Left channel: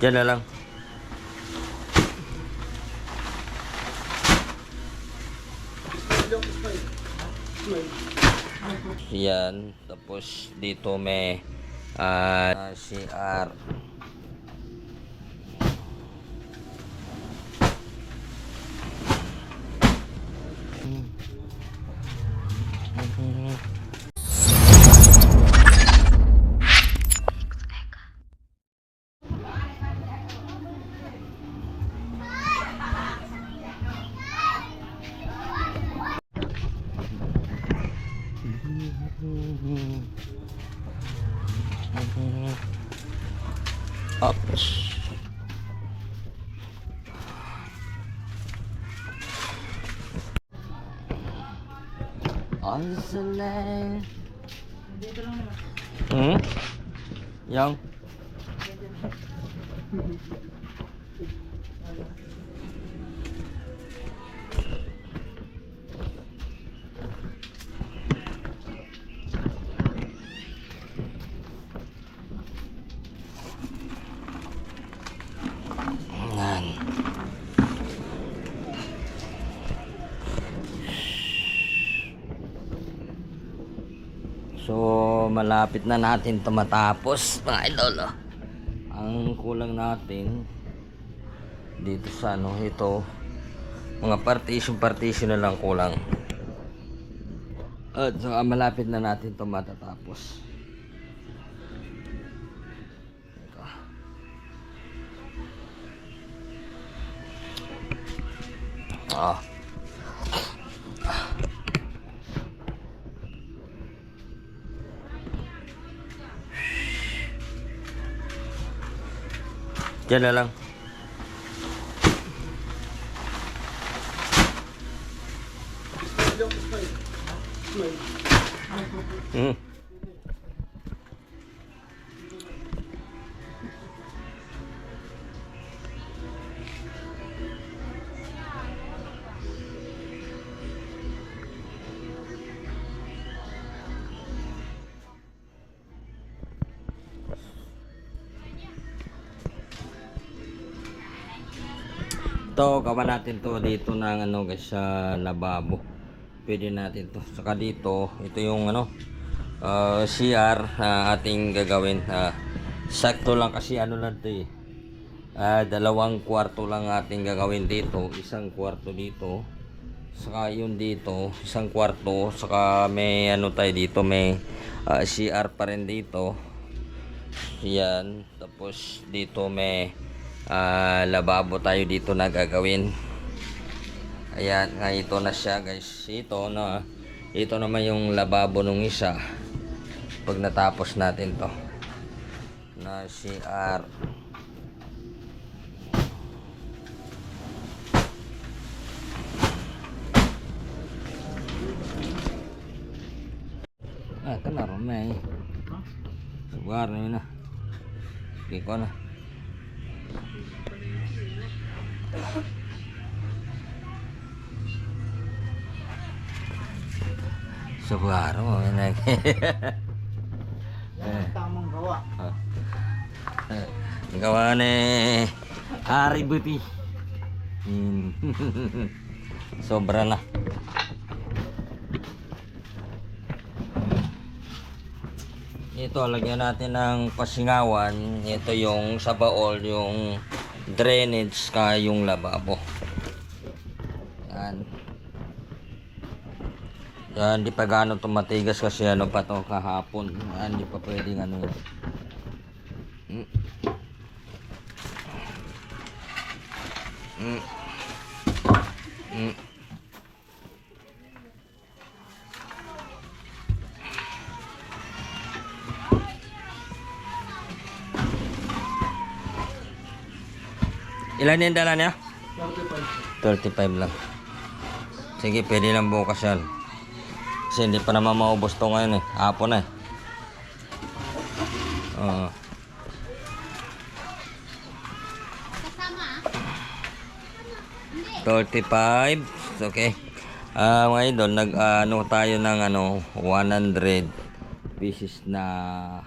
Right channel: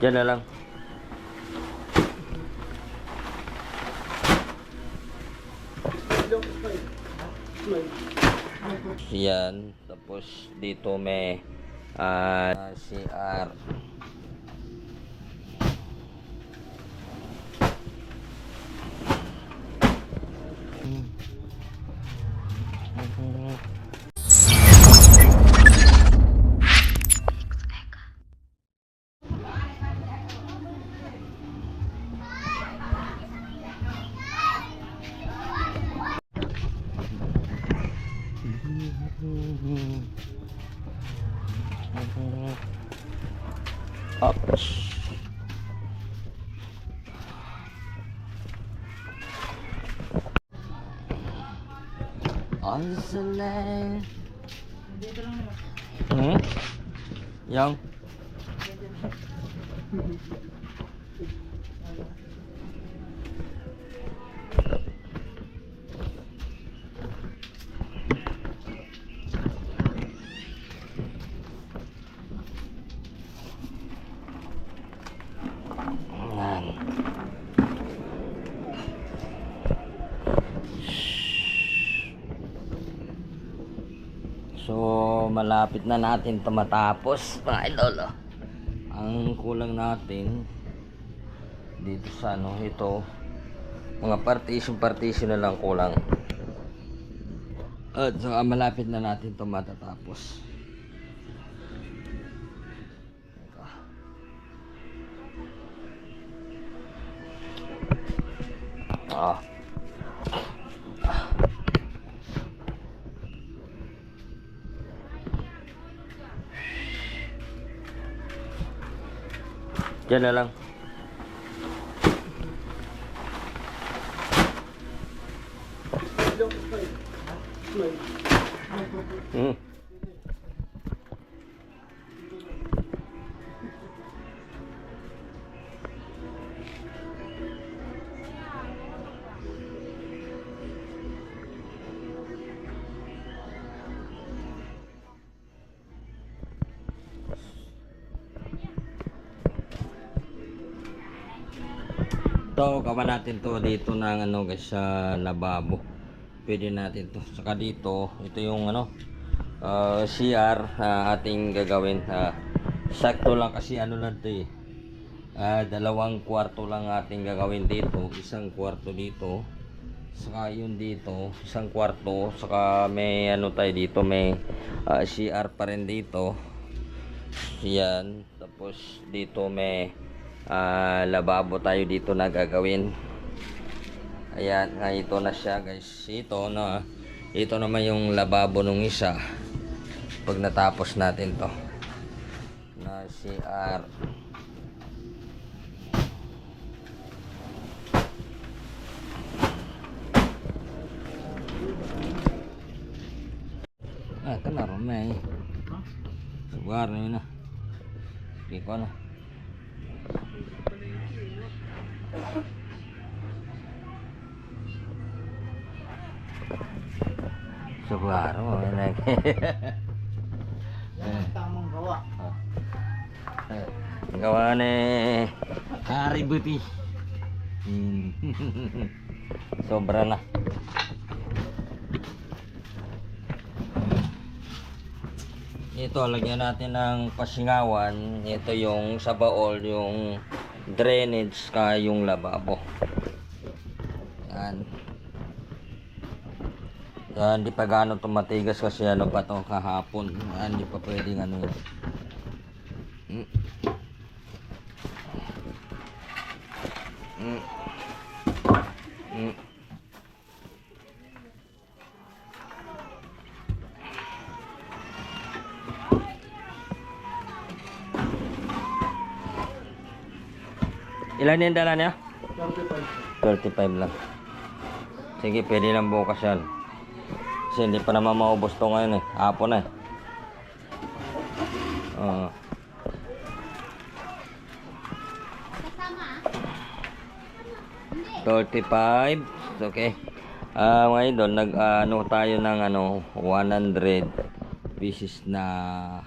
Diyan na lang. Yan. Tapos dito may CR. Oops. On the land. Yang. So malapit na natin ito matapos mga idol. Ang kulang natin dito sa ito, mga partition na lang kulang. At saka malapit na natin ito matatapos. Diyan na lang. Ito, gawa natin to dito ng guys, sa lababo. Pwede natin to. Saka dito, ito yung CR na ating gagawin. Sakto lang kasi lang to eh. 2 kwarto lang ating gagawin dito. 1 kwarto dito. Saka yun dito, 1 kwarto. Saka may tayo dito, may CR pa rin dito. Yan. Tapos dito may lababo tayo dito na gagawin. Ayan, ito na siya guys. Ito naman yung lababo nung isa pag natapos natin to na CR. Ito na may sugar na yun na. Hindi ko na Subaru tamang gawa. Gawa ni Hari Buti. Sobra na. Ito, lagyan natin ng pasingawan. Ito yung sa baol, yung drainage ka yung lababo. Yan. Yan, di pa gaano ito matigas kasi pa to kahapon. Yan, di pa pwedeng Ilan yung dala niya? 35 lang. Sige, pwede lang bukas yan. Kasi hindi pa naman maubos to ngayon eh. Hapon na eh. 35. Okay. Mga idol, tayo ng 100 pieces na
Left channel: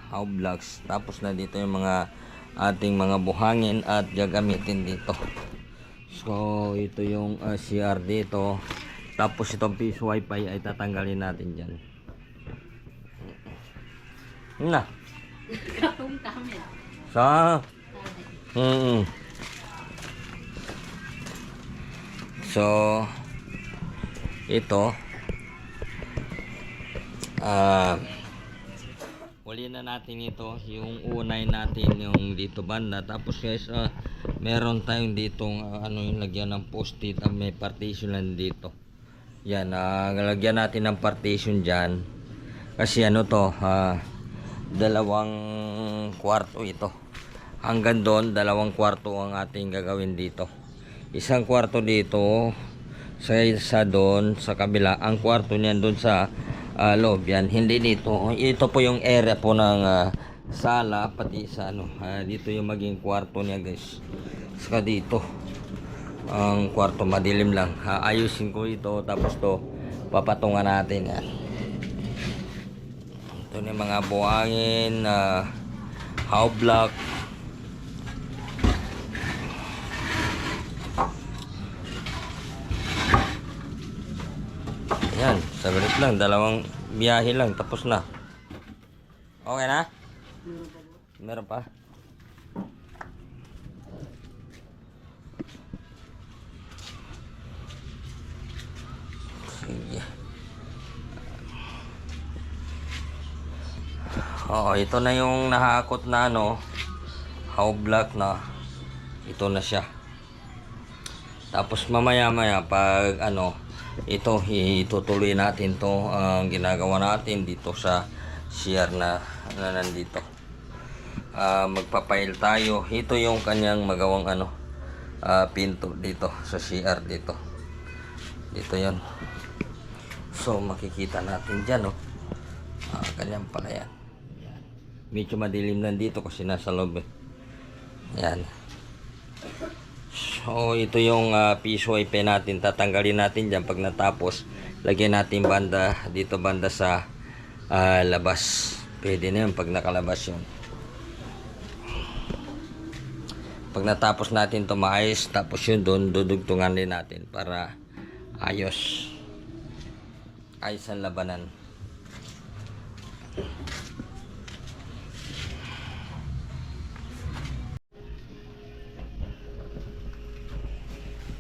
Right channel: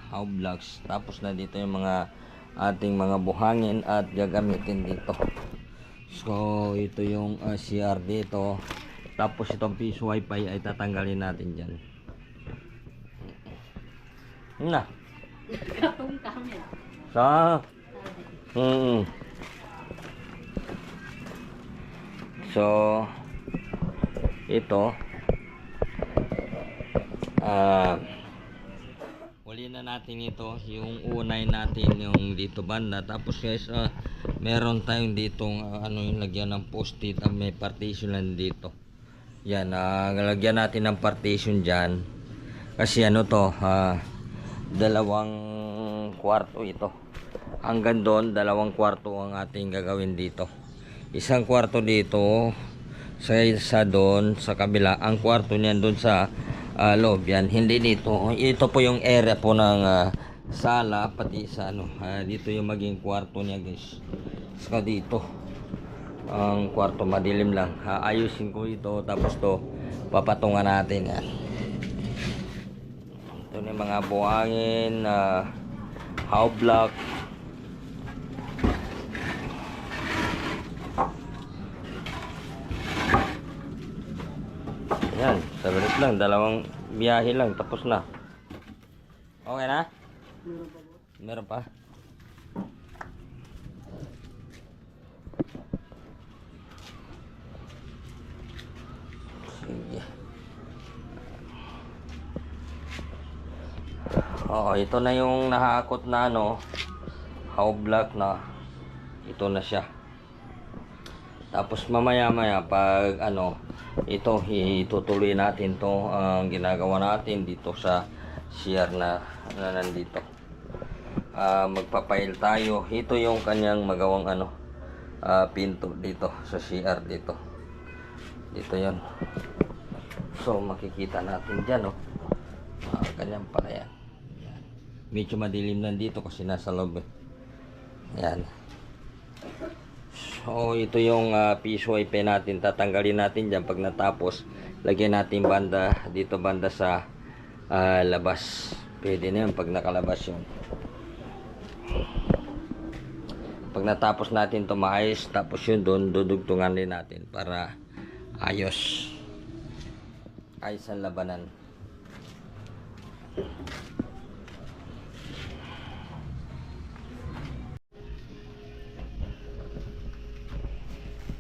how blocks. Tapos na dito yung mga ating mga buhangin at gagamitin dito. So ito yung CR dito. Tapos itong piece wifi ay tatanggalin natin dyan. Na sa so ito uli na natin ito, yung unay natin yung dito banda. Tapos guys, meron tayong ditong ano yung lagyan ng post-it, may partition lang dito. Yan, lagyan natin ng partition dyan kasi ano to, dalawang kwarto ito. Hanggang doon, dalawang kwarto ang ating gagawin dito. Isang kwarto dito, sa doon, sa kabila. Ang kwarto niyan doon sa loob yan. Hindi dito. Ito po yung area po ng sala, pati sa ano. Dito yung maging kwarto niya guys. Saka dito. Ang kwarto madilim lang. Ayusin ko ito. Tapos to, papatungan natin yan. Ito yung mga buhangin, how block. Yan, sabilis lang, dalawang biyahe lang, tapos na. Okay na? Meron pa? Sige. Oo, ito na yung nahakot na ano, how block na. Ito na siya. Tapos mamaya-maya pag ano, ito itutuloy natin to ang ginagawa natin dito sa CR na nandito. Magpapail tayo. Ito yung kanyang magawang ano, pinto dito sa CR dito. Dito 'yon. So makikita natin diyan, oh. Kanyang pala yan. Yan. Medyo madilim lang dito kasi nasa loob. Yan. So ito yung piece wifi natin, tatanggalin natin dyan pag natapos. Lagyan natin banda dito, banda sa labas. Pwede na yun pag nakalabas yun. Pag natapos natin ito maayos, tapos yun doon dudugtungan din natin para ayos ang labanan.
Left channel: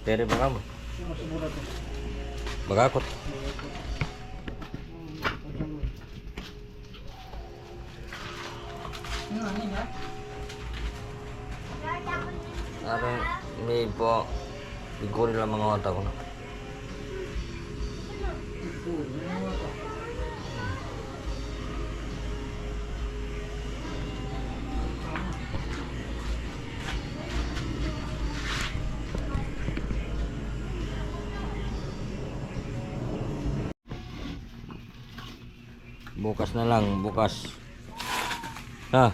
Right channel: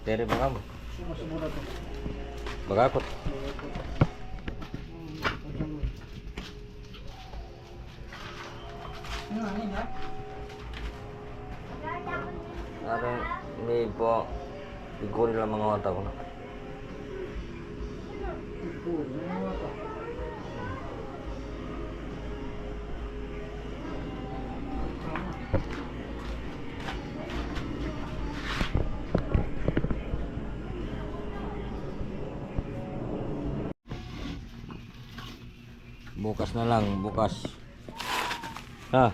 Tere ba mo? Bagakot. Aron ni po iguri lang mga otak ko na. Bukas na lang, bukas. Ha?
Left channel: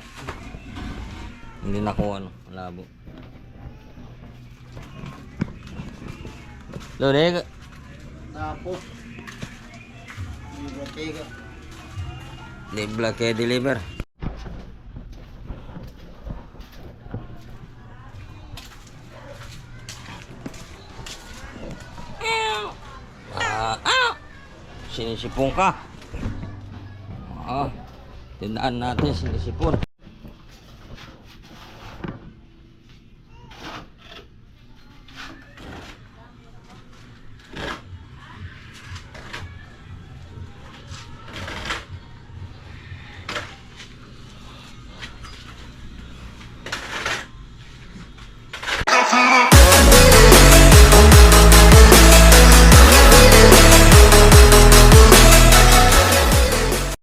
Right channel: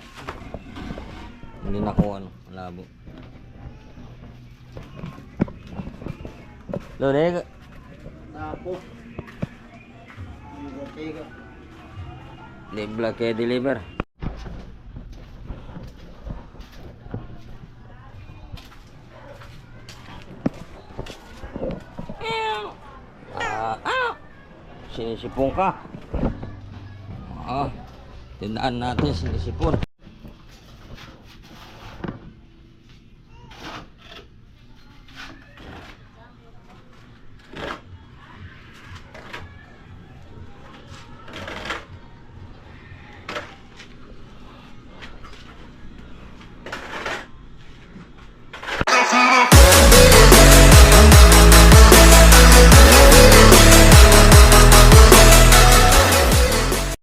Hindi na ko ano, malabo. Lode. Tapos. Dibla ke deliver. Sinisipong ka. Tindaan natin sinisipon.